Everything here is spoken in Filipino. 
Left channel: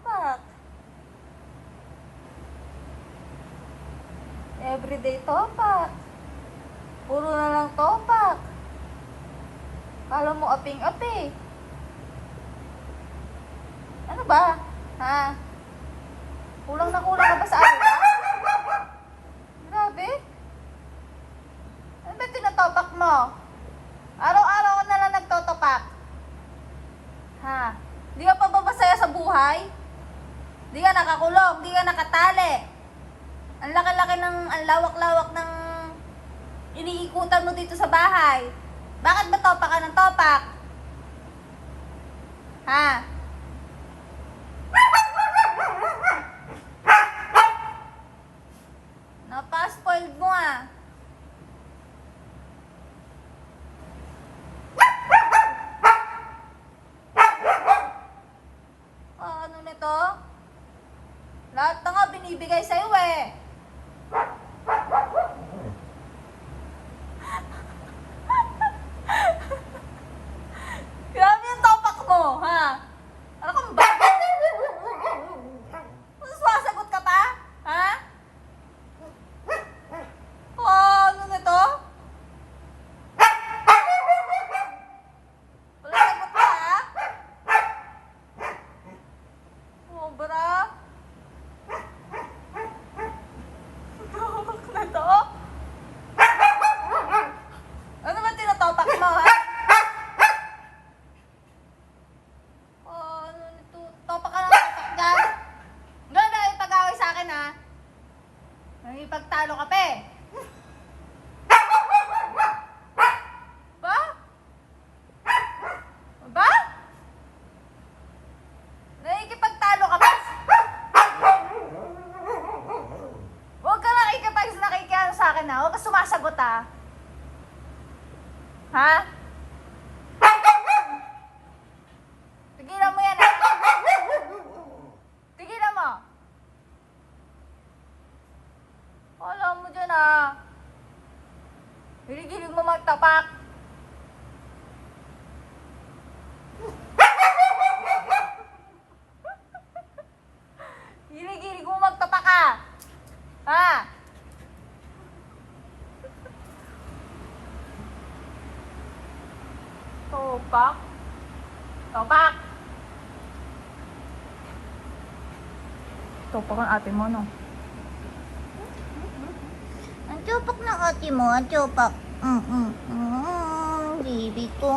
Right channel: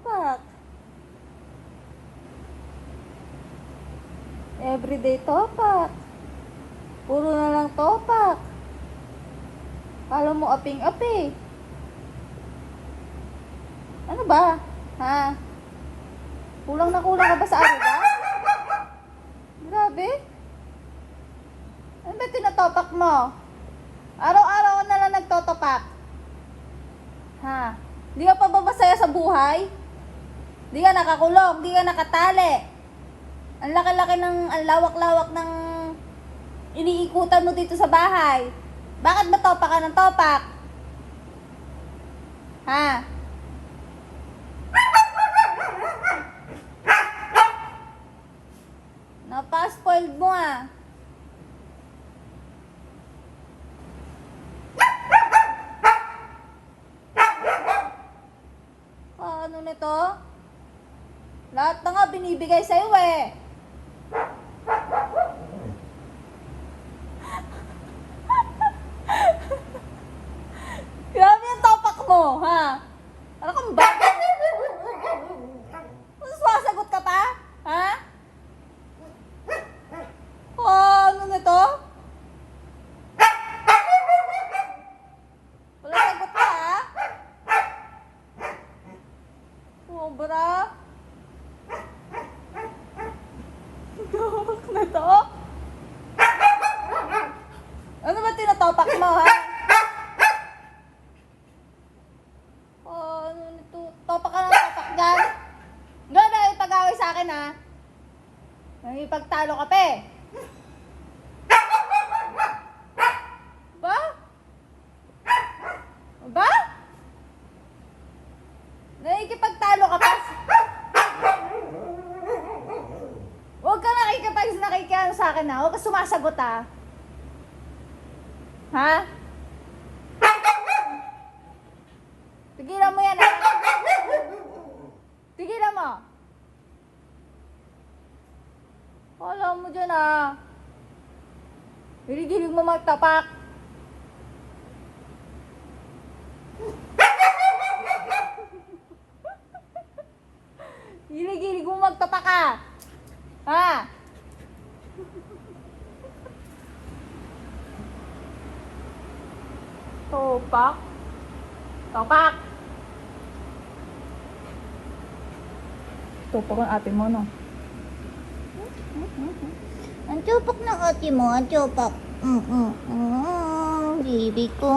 Topak. Everyday topak. Puro na lang topak. Kala mo aping-api. Ano ba? Ha? Kulang na ba sa ano? Grabe. Ano ba tinatopak mo? Araw-araw ka na lang nagtotopak. Ha? Di ka pa ba masaya sa buhay? Di ka nakakulong, di ka nakatali. Ang laki-laki ng, ang lawak-lawak ng iniikutan mo dito sa bahay. Bakit ba topak ka ng topak? Ha? Napaka-spoiled mo ah. Ano nito? Lahat na nga binibigay sa'yo eh. Grabe yung topak mo, ha? Ano kang ba? Sumasagot ka pa? Ha? Ano nito? Wala sagot ka, ha? Sobra? Topak na to? Ano ba tinatopak mo, ha? Topak ka ng topak dyan. Doon na ipag-away sa akin ha. Ipagtalo ka pa eh. Ba? Ba? Nakikipagtalo ka pa. Huwag ka nakikipag sa akin ha. Huwag ka sumasagot ha. Ha? Tigilan mo yan ha. Tigilan mo. Wala mo dyan ah. Hilig-hilig mo magtapak. Hilig-hilig mo magtapak ka. Ha? Topak. Topak. Topak ang ate mo no. Ang tupak ng ate mo, ang tupak. Baby ko.